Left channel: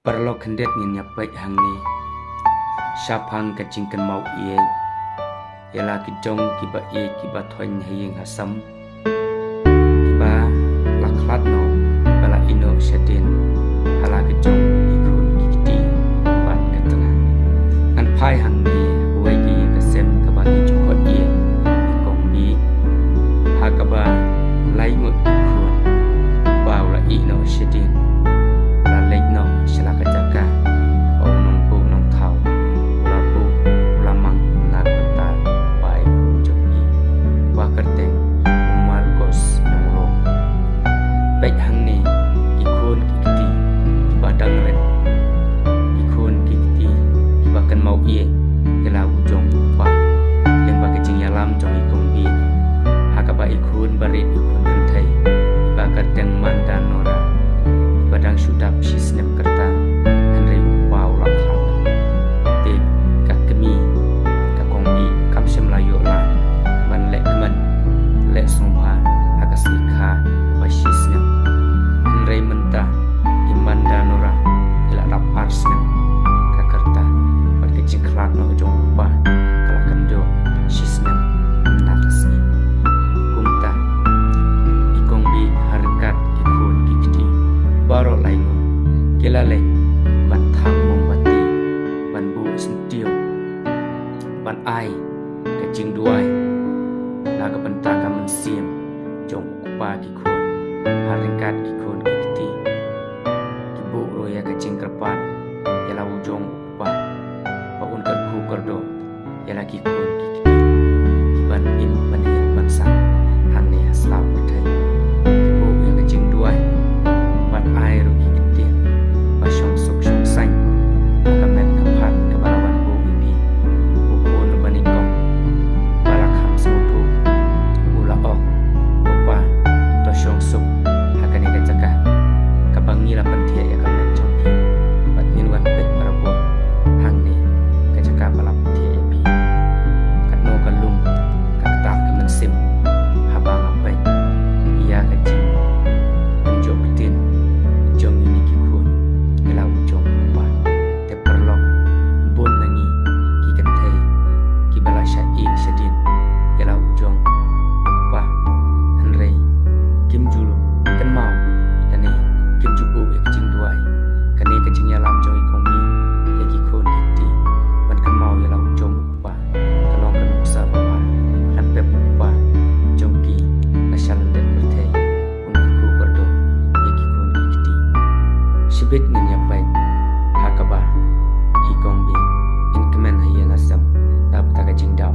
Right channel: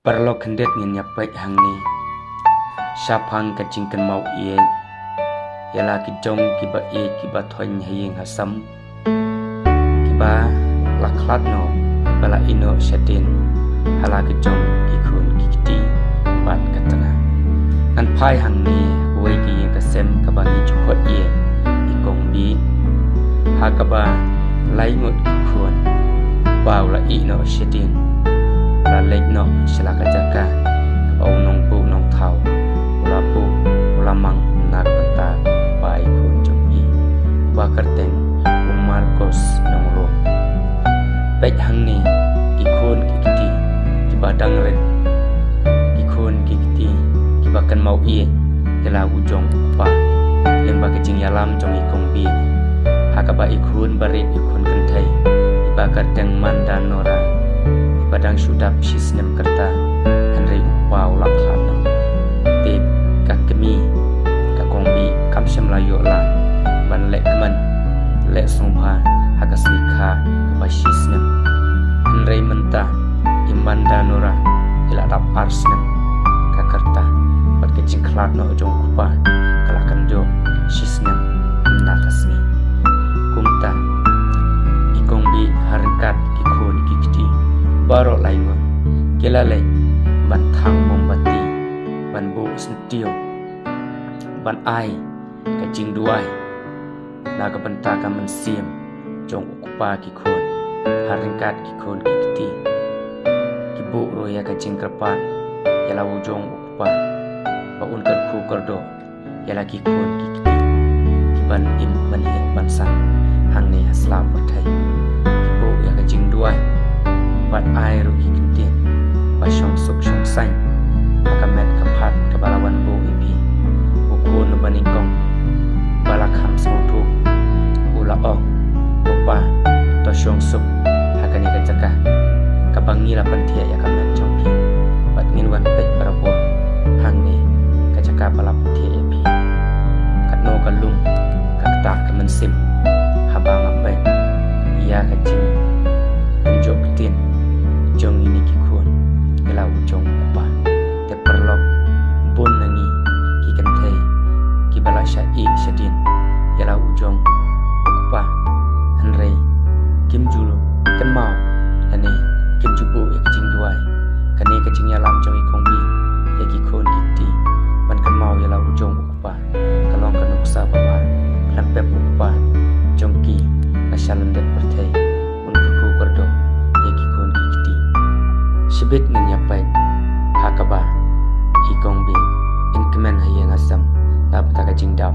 Perlo kendet ngin nyapai hang ni Syapang kacingkan mau iye Yalah kijong kiba iye kiba thoin hayeng hasam Kiba laklat no Bala ino syadin Hala kijong ikun kikiti Bat katana Ngan pai hang ni Kuwe ki kasem kabangi jukot iye Ikong bi Hakaba laingut ikun Bau la ino syadin La lek no selaka jaka Kau nong pu nong tau Ula pu ula mang nak bentar Pai kun jom i Wa kerteng umar kos nong lo Baik hang ni Kikun kikiti Kibadang red Kikun kikiti Kibakan mau iye Yala ujong upa Leng bagi jing yalam jong ikong bi Hakaba ikun barit ikun kentai Iba kerteng mandan nora Badang sudap sisnem kerta Henry upau laklan no Tip kakemi Kakongbi kamsem layo lan Ban lek kemen Lek sungpa Hakas likha Kapa sisnem Henry mentah Iman danora Ila dap arsnem Kakerta Bat kecing kelat no ujong kupa Kalakan do Sisnem Mendakasni Kumta Ikongbi harkat kikun kikti Barok laingon Kilale Ban thang mombati Ban bu sentio Ban ai Kajing duai Naga bentaka mensiem Jong ukupa kikun Haringkat kikun kikiti Kibu roya kajing kerpan Yala wujong ukupa Baun kerku kerdo Yala kikun kikiti Kiban im manhir bansang Hang ni hasla pertai Kibu ya kajing duai Bat air rugi kentien Basyong suk syong sany Hakamet kapat kebalawan bu ipi Ukun baningkong Balakam semutu Ula ong Upa Tosyong suk Hakani kajaka Kabangi lapan tiak ya kamet jongpi Bat nginwan pek barabuah Hang ni Kajaka balapan tiak ya pi Katno kalung Kakta kemensim Habang apai Ia kajing Penjok ketin Jong ini kikun Kela ujong upah Te perlok Bun nangi Kikan thai Kibala syai syadin Yala ujong Upah Henry Kim julu Kan mau Kani Kim jubu ya kecing duai Kani kecing yalam jong ikong bi Ya kikun kikti Ban kan mau yala ujong upah Kalong kan uksa bapa Lampep upah Jong ki Nasyalandet berthai Unkuku kordo Ya kikun kikti Sibit ngenyapai Hakaba Ikong bi Inkemen hayang asam Napataka jingdam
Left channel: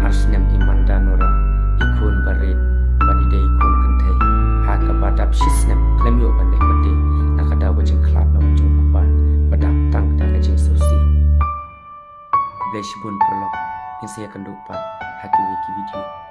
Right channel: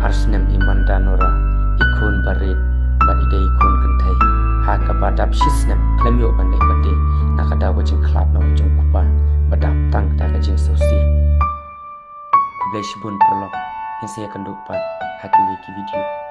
Arsnem iman danora Ikun barit Badida ikun kentai Hakaba dap shisnem Klem yuk bandai bade Nakadaw bajing klap na ujung kupa Badap tang taka jing sausi Kublai shibun perlok Yang saya kendupan Haki wiki video